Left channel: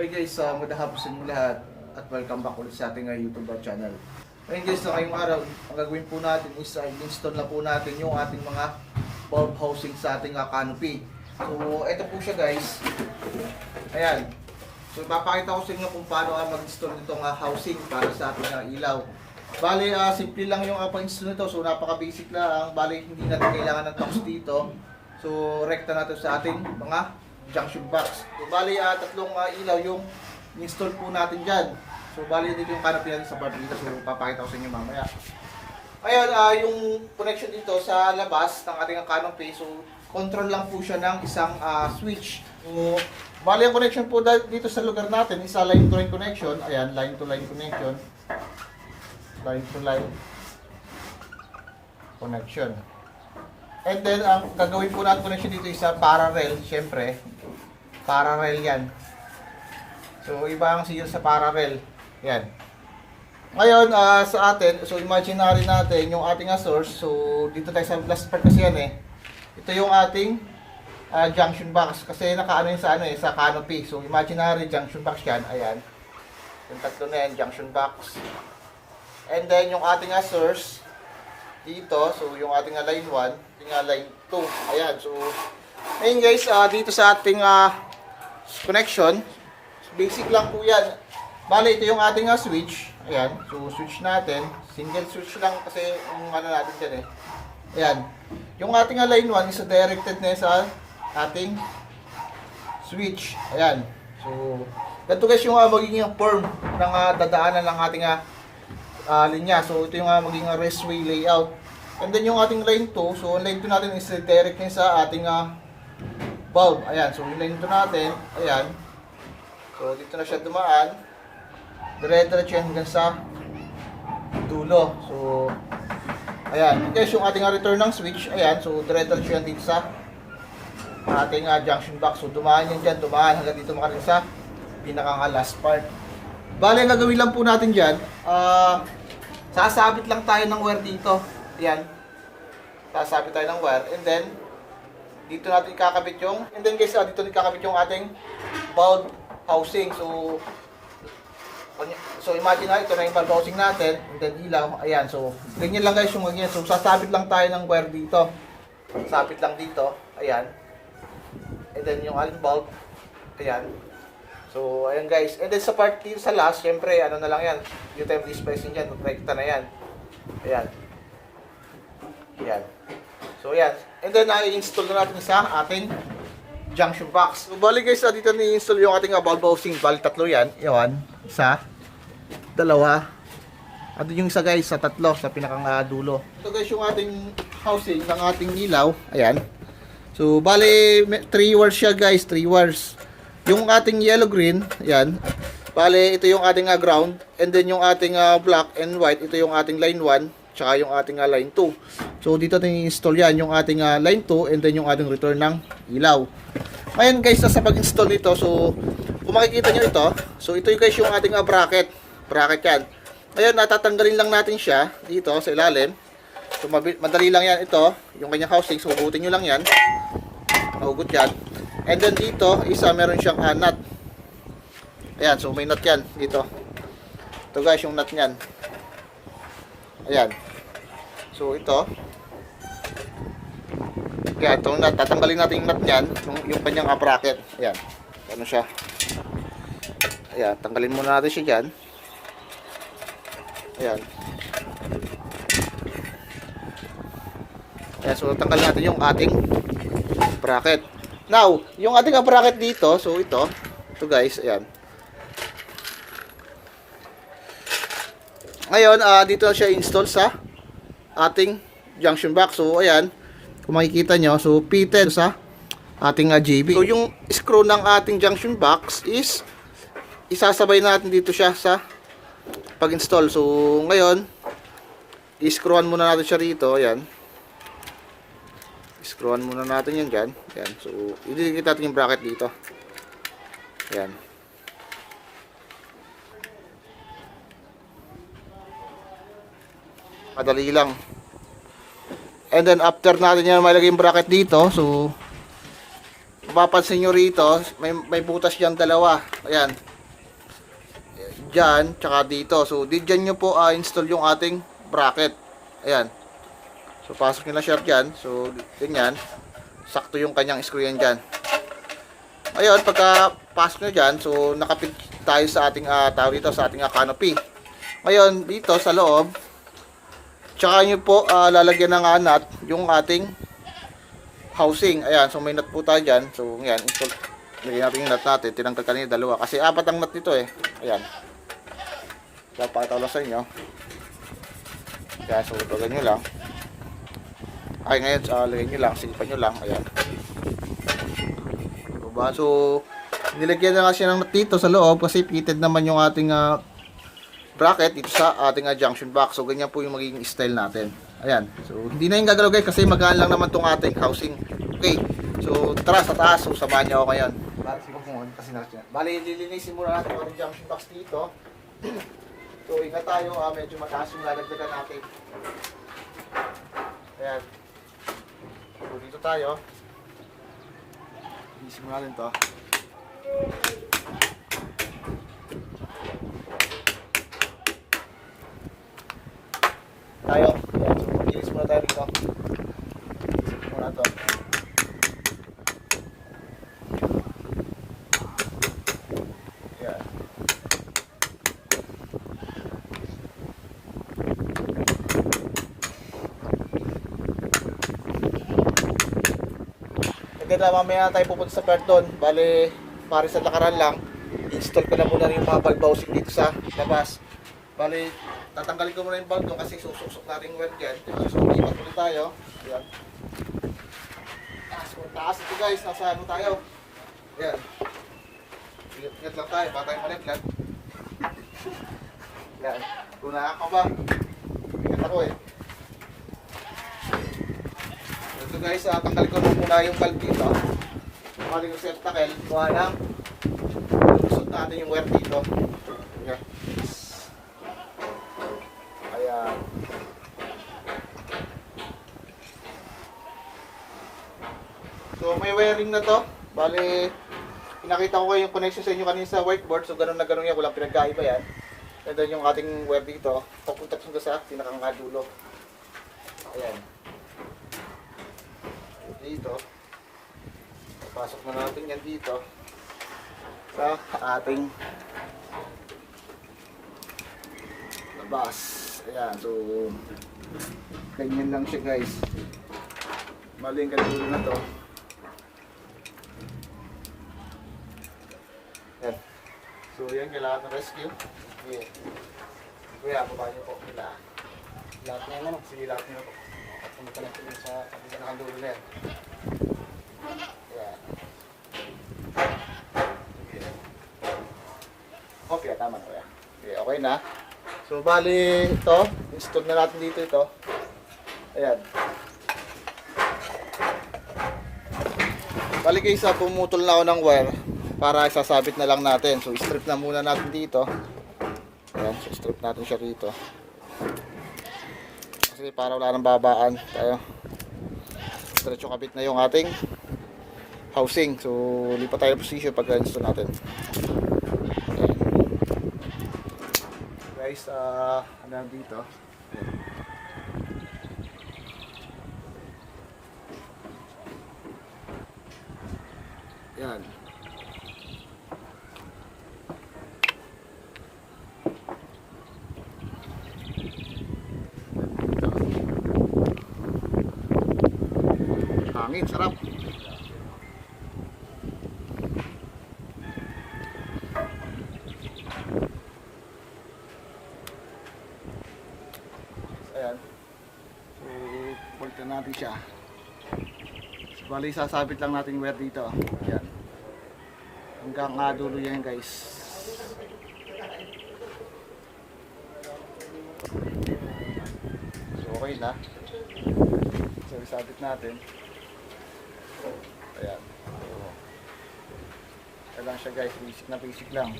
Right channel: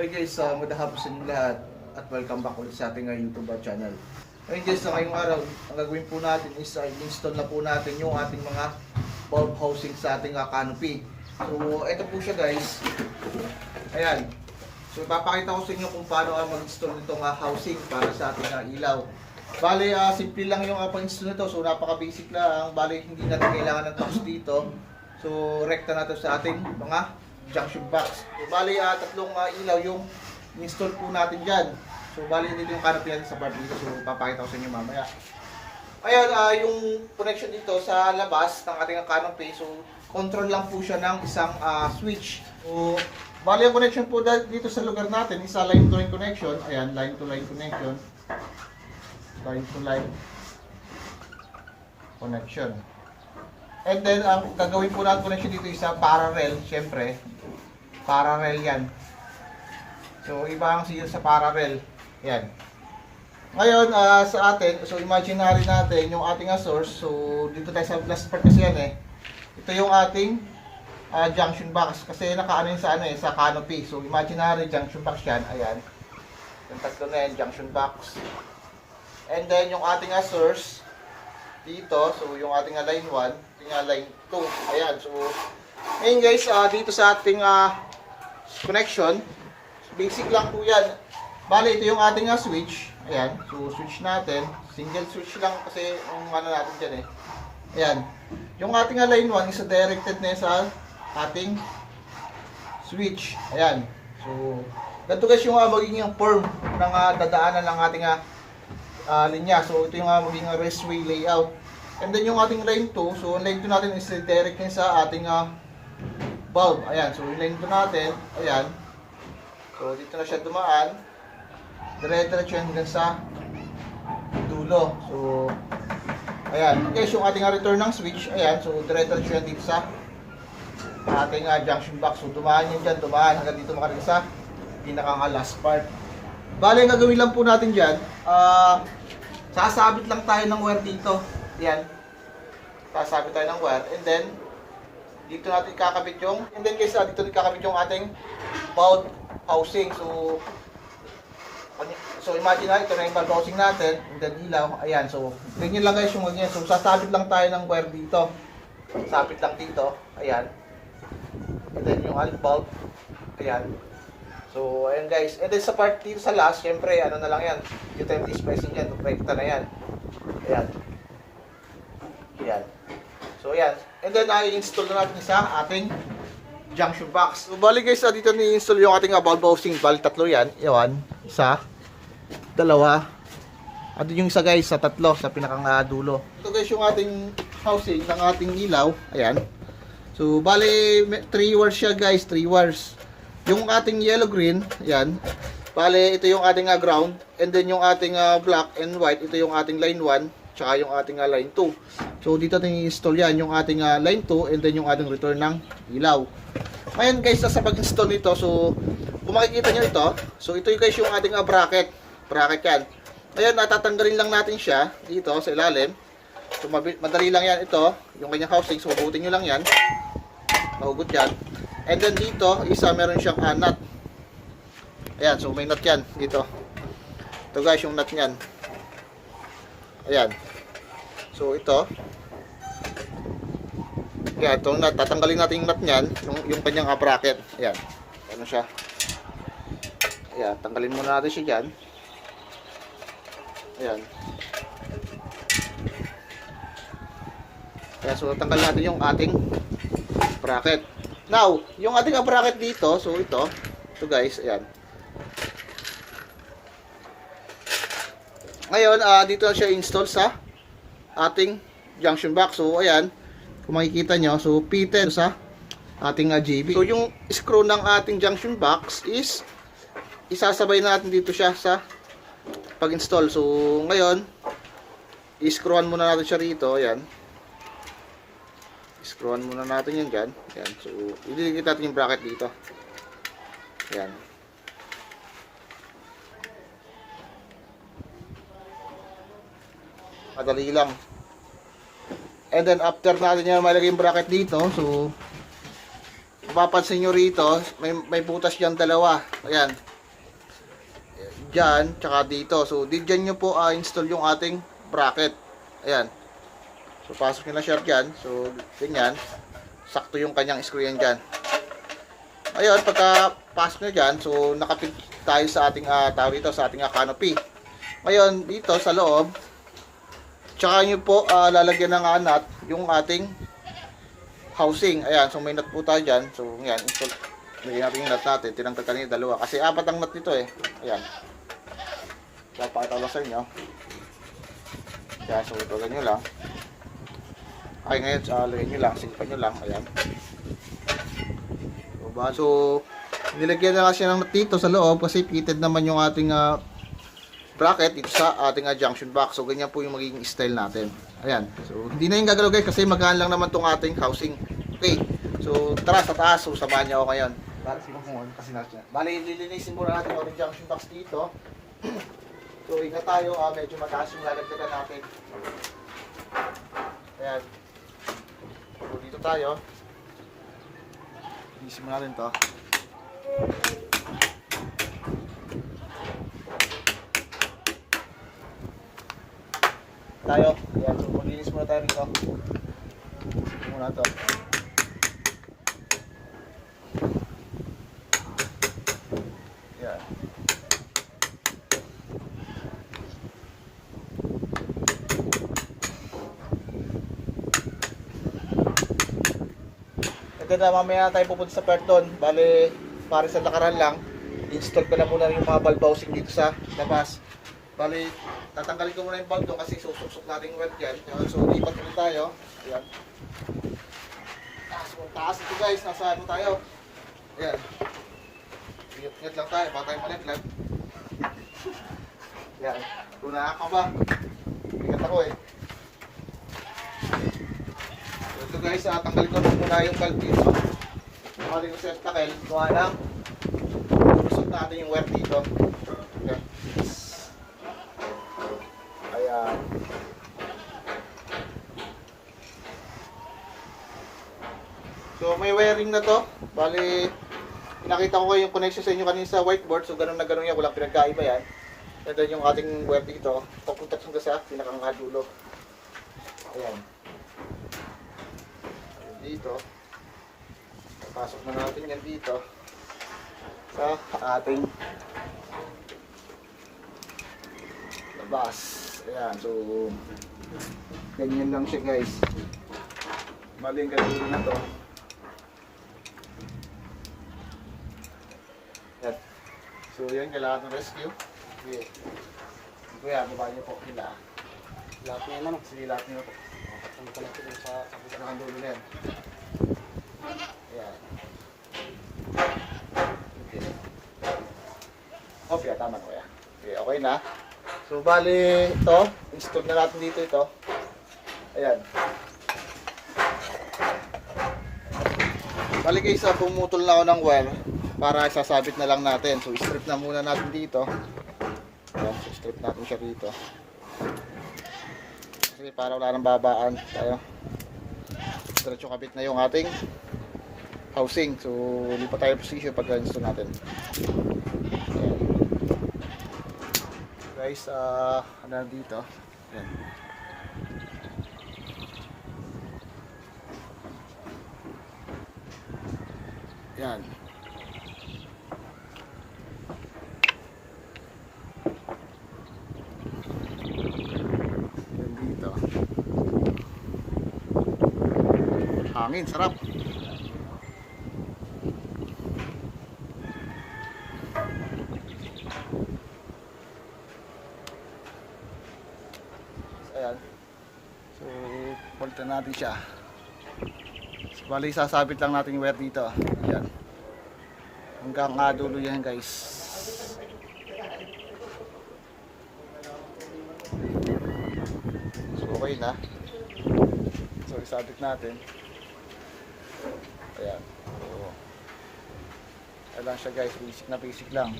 Hi guys, magandang hapon sa inyo lahat at welcome back ulit sa ating YouTube channel. Ngayon guys, sa ngayong araw, ang gagawin po natin is install na po natin yung ating mga bulb housing sa ating canopy. So, ito po siya guys. Ayan. So, ipapakita ko sa inyo kung paano mag-install nitong housing para sa ating ilaw. Bale, simple lang yung pag-install nito. So, napaka-basic lang. Bale, hindi natin kailangan ng box dito. So, rekta natin sa ating mga junction box. So, bali, tatlong ilaw yung install po natin dyan. So, bali, dito yung canopy natin sa part dito. So, papakita ko sa inyo mamaya. Ayan, yung connection dito sa labas ng ating canopy. So, control lang po siya ng isang switch. So, bali, yung connection po dito sa lugar natin is line to line connection. Ayan, line to line connection. Line to line connection. And then, ang gagawin po natin connection dito is parallel, syempre. Parallel yan. So, iba ang signal sa parallel. Yan. Ngayon, sa atin, so imagine natin yung ating source. So, dito tayo sa last part kasi yan eh. Ito yung ating junction box. Kasi nakaano yun sa canopy. So, imaginary junction box yan. Ayan. Yung tatlo na yan, junction box. And then, yung ating source dito. So, yung ating line 1, yung line 2. Ayan. So, ngayon guys, dito sa ating connection, basic lang po yan. Bale, ito yung ating switch. Ayan. So, switch natin. Single switch lang kasi yung natin dyan eh. Ayan. Yung ating line 1 is directed na sa ating switch. Ayan. So, ganito guys yung magiging form ng dadaanan ng ating linya. So, ito yung magiging raceway layout. And then yung ating line 2, so line 2 natin is direct na sa ating bulb. Ayan, so yung line 2 natin, ayan. So, dito na siya dumaan. Dire-diretso yan hanggang sa dulo. So, ayan. Guys, yung ating return ng switch, ayan. So, dire-diretso yan dito sa ating junction box. So, dumaan yan dyan, dumaan hanggang dito makarating sa pinakang last part. Bale, nagawin lang po natin dyan. Sasabit lang tayo ng wire dito. Ayan. Sasabit tayo ng wire. And then, dito natin ikakabit yung, and then guys, dito natin ikakabit yung ating bulb housing. So imagine na, ito na yung bulb housing natin, and then ilaw, ayan. So, ganyan lang guys yung ganyan. So, sasabit lang tayo ng wire dito. Sabit lang dito, ayan. And then yung ating bulb, ayan. So, ayan guys. And then sa part dito sa last, syempre, ano na lang yan. Dito tayo mag-spacing dyan, rekta na yan. Ayan. Ayan. So, ayan. And then, i-install na natin sa ating junction box. So, bali guys, dito ni-install yung ating bulb housing. Bali, tatlo yan. Iwan. Isa. Dalawa. At yung isa guys, sa tatlo, sa pinakang dulo. Ito guys, yung ating housing ng ating ilaw. Ayan. So, bali, 3 wires siya guys. 3 wires. Yung ating yellow-green, ayan. Bali, ito yung ating ground. And then, yung ating black and white, ito yung ating line 1. Tsaka yung ating line 2. So, dito natin i-install yan, yung ating line 2 and then yung ating return ng ilaw. Ngayon guys, sa pag-install nito, so, kung makikita nyo ito, so ito yung guys yung ating bracket. Bracket yan. Ngayon, natatanggalin lang natin siya dito sa ilalim. So, madali lang yan ito, yung kanyang housing. So, hugutin nyo lang yan. Mahugot yan. And then dito, isa meron siyang nut. Ayan, so may nut yan dito. Ito guys, yung nut nyan. Ayan. So ito. Ayan, itong nut. Tatanggalin natin yung nut nyan. Yung kanyang bracket. Ayan. Ano siya. Ayan, tanggalin muna natin siya dyan. Ayan. Ayan, so tanggalin natin yung ating bracket. Now, yung ating bracket dito, so ito guys, ayan. Ngayon, dito na siya install sa ating junction box. So, ayan, kung makikita nyo, so fitted sa ating JB. So, yung screw ng ating junction box is isasabay natin dito siya sa pag-install. So, ngayon, i-screwan muna natin siya rito, ayan. Screwan muna natin yan dyan. Ayan. So, ididikit natin yung bracket dito. Ayan. Madali lang. And then, after natin yan malagay yung bracket dito, so, mapapansin nyo rito, may butas dyan dalawa. Ayan. dyan, tsaka dito. So, dyan nyo po install yung ating bracket. Ayan. So, pasok nyo na siya dyan. So, ganyan. Sakto yung kanyang screw yan dyan. Ayun, pagka pasok nyo dyan, so, nakapit tayo sa ating, tawag dito, sa ating canopy. Ngayon, dito sa loob, tsaka nyo po lalagyan ng nut yung ating housing. Ayan, so may nut po tayo dyan. So, yan, install. Lagyan natin yung nut natin. Tinanggal kanina dalawa. Kasi apat ang nut nito eh. Ayan. So, pakita ko lang sa inyo. Kaya, so, lagyan nyo lang. Ay, ngayon, lagyan nyo lang. Silpan nyo lang. Ayan. So, nilagyan na nga siya ng nut dito sa loob kasi fitted naman yung ating bracket dito sa ating junction box. So, ganyan po yung magiging style natin. Ayan. So, hindi na yung gagalaw guys kasi magaan lang naman tong ating housing. Okay. So, tara sa taas. So, samahan niyo ako ngayon. Bali, lilinisin muna natin yung ating junction box dito. So, ingat tayo. Medyo mataas yung lalagdagan natin. Ayan. So, dito tayo. Lilinisin muna natin to. Tayo. Ayan, so maglinis muna tayo dito. Muna ito. Ayan. And then mamaya tayo pupunta sa part doon. Bale, para sa lakaran lang, install ko na muna yung mga bulb housing dito sa labas. Bale, tatanggalin ko muna yung bulb doon kasi susuk-suk natin yung weld yan. So, lipat muna tayo. Ayan. Taas ito guys. Nasa ano tayo. Ayan. Ingat lang tayo. Baka tayo malaglag. Ayan. Tuna ako ba? Ingat ako eh. So guys, tanggalin ko muna yung bulb dito. Tanggalin ko sa takel. Kuha lang. Isot natin yung wire dito. Okay. Ayan. So may wiring na to. Bali, pinakita ko kayo yung connection sa inyo kanina sa whiteboard. So ganun na ganun yan. Walang pinagkaiba yan. And then yung ating wire dito. Papunta sa pinakang dulo. Ayan. Dito. Pasok na natin yan dito. Sa ating labas. Ayan, so ganyan lang siya guys. Maling kadulo na to. Ayan. So yan, kailangan ng rescue. Okay. Kuya, baba niyo po nila. Lahat niya naman, sige lahat niyo po. At pumunta natin sa kapitan ng dulo na yan. Ayan. Okay, tama ko yan. Okay, okay na. So, bali ito, install na natin dito ito. Ayan. Bali guys, pumutol na ako ng wire para isasabit na lang natin. So, strip na muna natin dito. Ayan, so strip natin siya dito. Kasi para wala nang babaan tayo. Diretso kabit na yung ating housing. So, lipat tayo position pag install natin. Ayan. Guys, ano dito? Yan. Hangin, sarap. Ayan. So, pulta natin siya. So, bali, sasabit lang natin yung wire dito. Ayan. Hanggang dulo yan guys. So, okay na. So, isabit natin. Ayan. So, ayan lang siya guys. Basic na basic lang.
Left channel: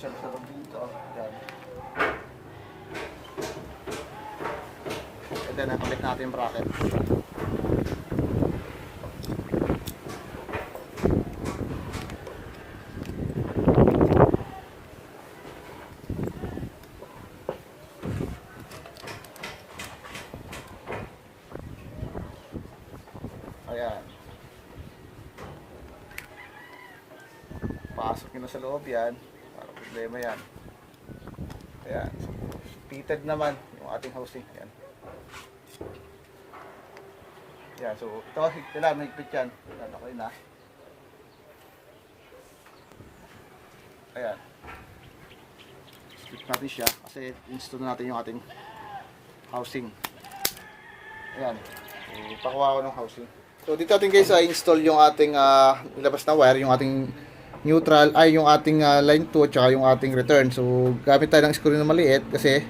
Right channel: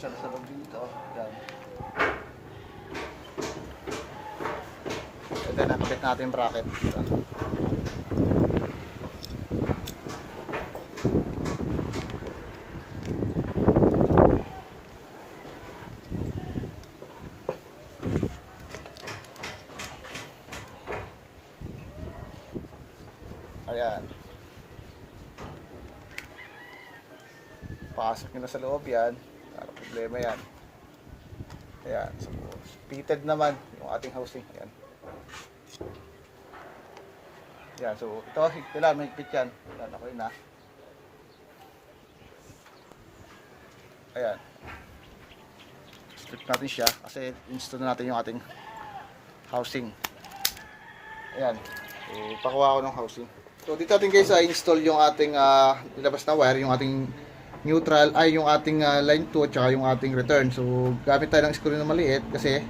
siya sa loob dito. Yan. And then, nakabit natin yung bracket. Ayan. Pasok nyo na sa loob yan. Parang problema yan. Ayan. So, fitted naman yung ating housing. Ayan. Ayan. So, ito, kailangan mahigpit yan. Ayan, okay na. Ayan. Strip natin siya kasi install natin yung ating housing. Ayan. So, pakuha ko ng housing. So dito natin guys install yung ating ilabas na wire, yung ating neutral, ay yung ating line 2 at saka yung ating return. So gamit tayo ng screw na maliit kasi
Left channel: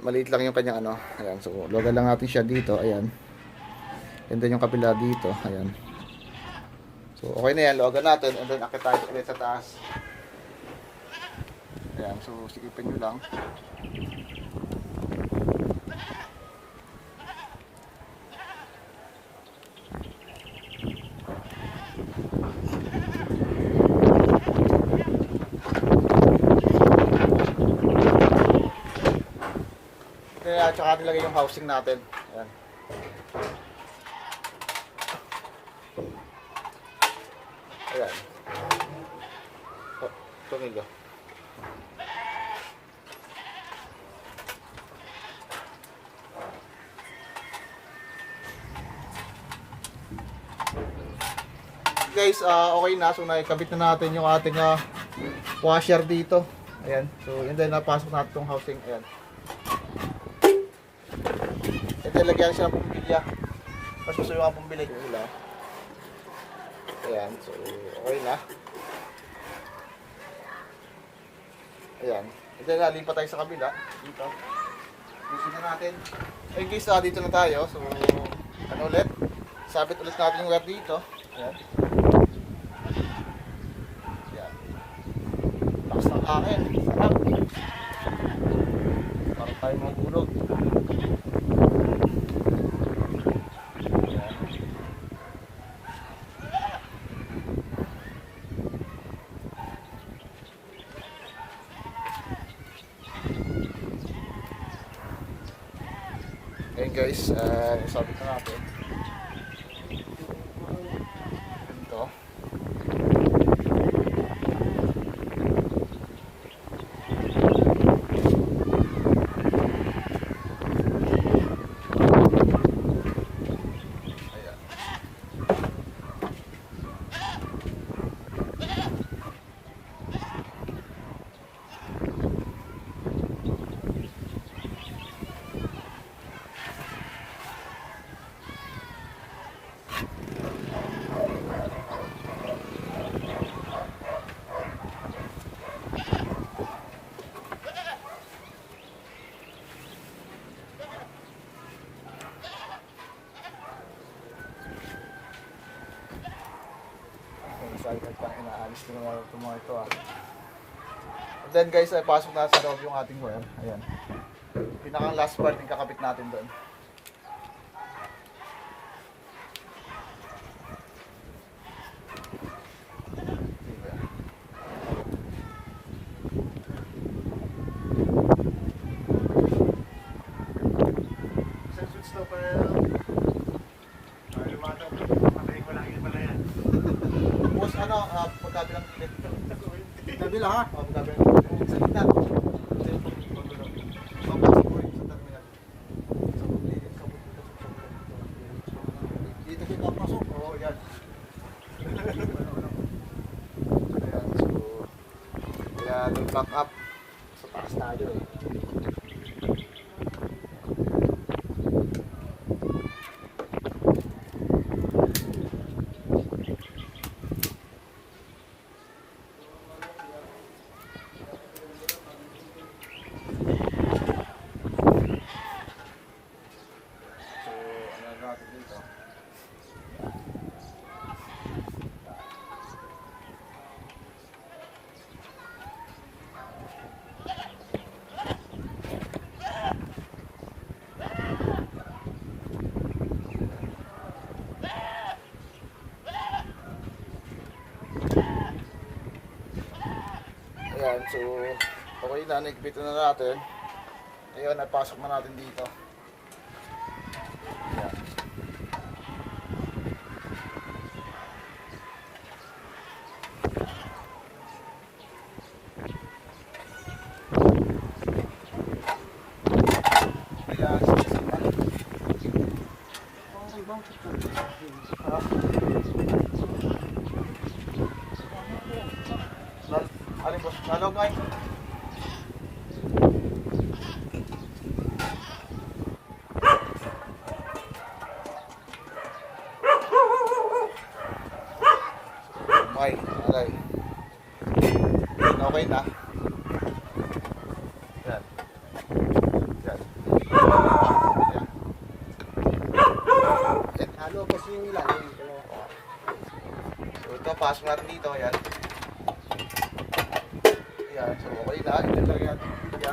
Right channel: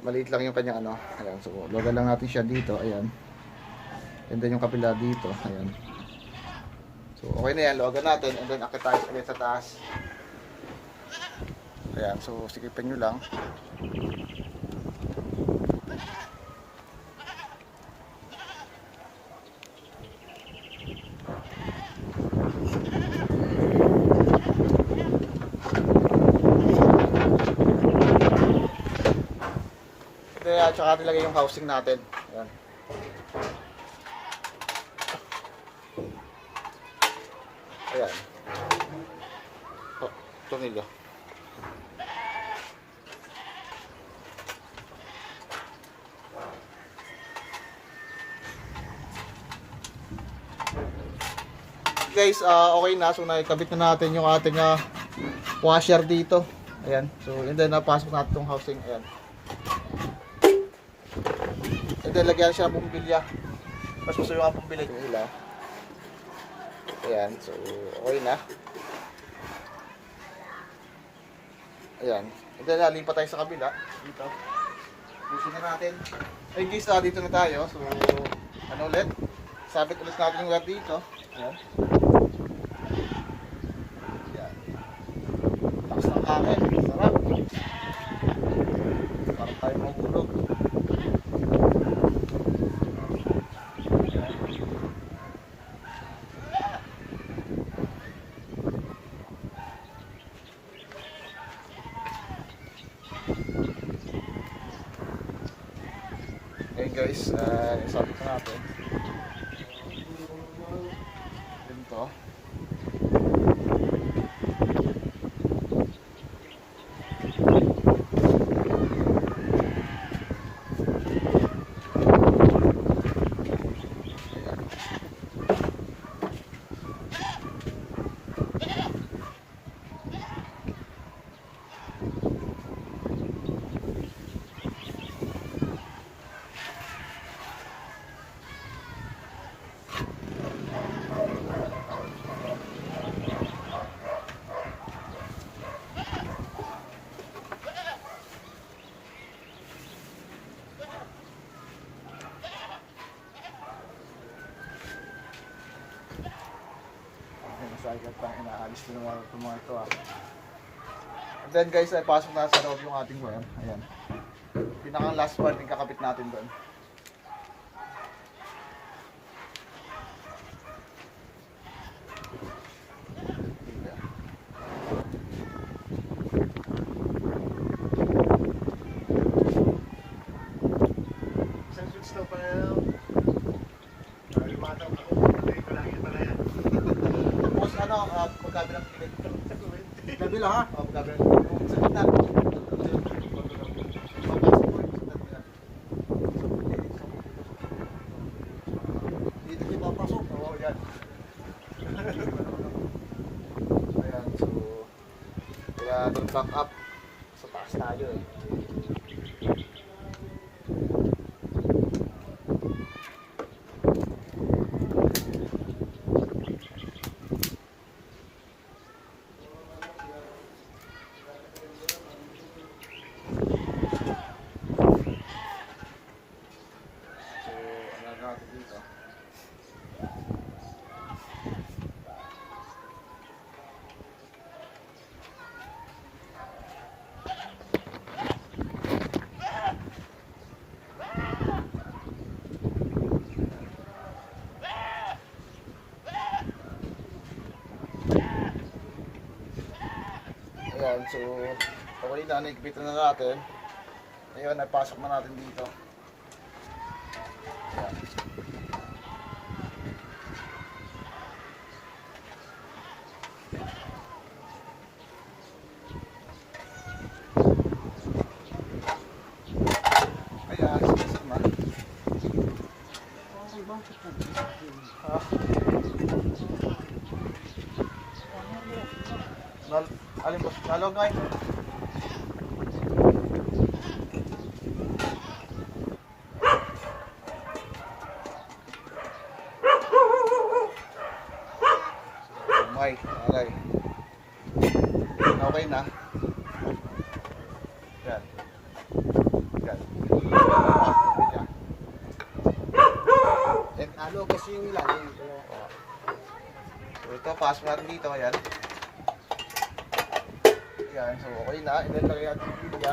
maliit lang yung kanyang ano. Ayan, so loga lang natin siya dito, ayan. And then yung kapila dito, ayan. So okay na yan, loga natin and then akit tayo ulit sa taas. Ayan, so sikipin nyo lang. At saka nilagay yung housing natin. Ayan. Ayan. Oh, tumilo. Guys, okay na. So nakikabit na natin yung ating washer dito. Ayan. So and then napasok natin itong housing. Ayan. And then lagyan siya ng pumbilya. Mas gusto yung pumbilya yung ila. Ayan, so okay na. Ayan. And then lipat tayo sa kabila. Dito. Pusin na natin. Ay guys, dito na tayo. So ano ulit? Sabit ulit natin yung wire dito. Ayan. Ayan. Lakas ng hangin. Sarap. Parang tayo matulog. Okay guys, sabi ko natin ito. Cycle pang inaalis din ng mga ito. And then guys, ay pasok na sa loob yung ating wire. Ayan. Pinaka last part yung kakabit natin doon. Isang switch to pa yan. Lumataw ko. Patay ko lang yun pala yan. Boss, ano, magkabilang pilit. Kabila ha? Oo, magkabilang pilit. Sa gitna. Dito kayo papasok. Oo, yan. Ayan, so kaya nag-back up sa taas tayo eh. Dito. Ayan, so okay na, naigpitan na natin. Ayan, napasok na natin dito. Ayan. Ayan, sisima. Alin ba? Nalog nga yun. Okay, okay. Okay na. Yan. Yan. Ano kasi yung ilalim ko. So ito, pasok natin dito. Yan. Yan, so okay na. Ilalagay natin yung bibya.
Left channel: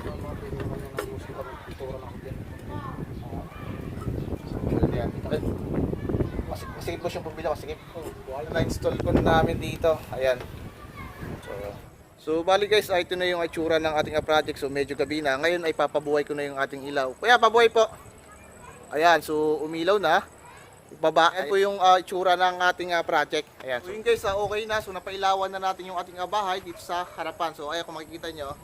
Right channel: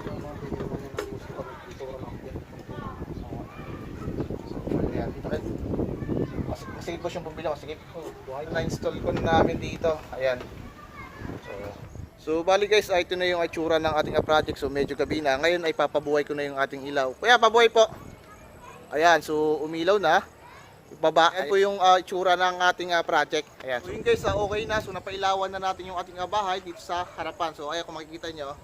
Yung mga pili naman yan ang musika ng kultura ng akin. So yan, dito kayo. Masigit po siyang pumila, masigit. Na-install ko na namin dito. Ayan. So bali guys, ito na yung itsura ng ating project. So medyo gabi na. Ngayon ay papabuhay ko na yung ating ilaw. Kuya, pabuhay po. Ayan, so umilaw na. Baba. Ayan po yung itsura ng ating project. Ayan. So yun guys, okay na. So napailawan na natin yung ating bahay dito sa harapan. So ayan, kung makikita nyo.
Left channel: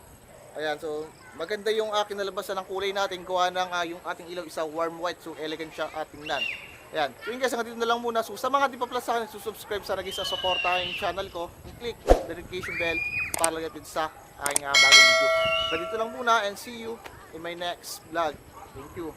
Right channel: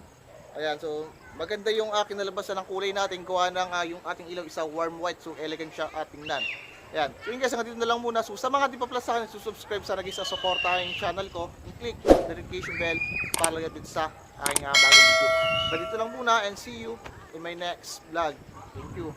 Ayan, so maganda yung kinalabasan ng kulay natin. Kuha ng yung ating ilaw isa warm white. So elegant siya tingnan. Ayan. So yun guys, hanggang dito na lang muna. So sa mga di pa pala sa akin, subscribe sana guys sa supportahan yung channel ko. I-click the notification bell para lang din sa aking bagong video. Hanggang dito lang muna and see you in my next vlog. Thank you.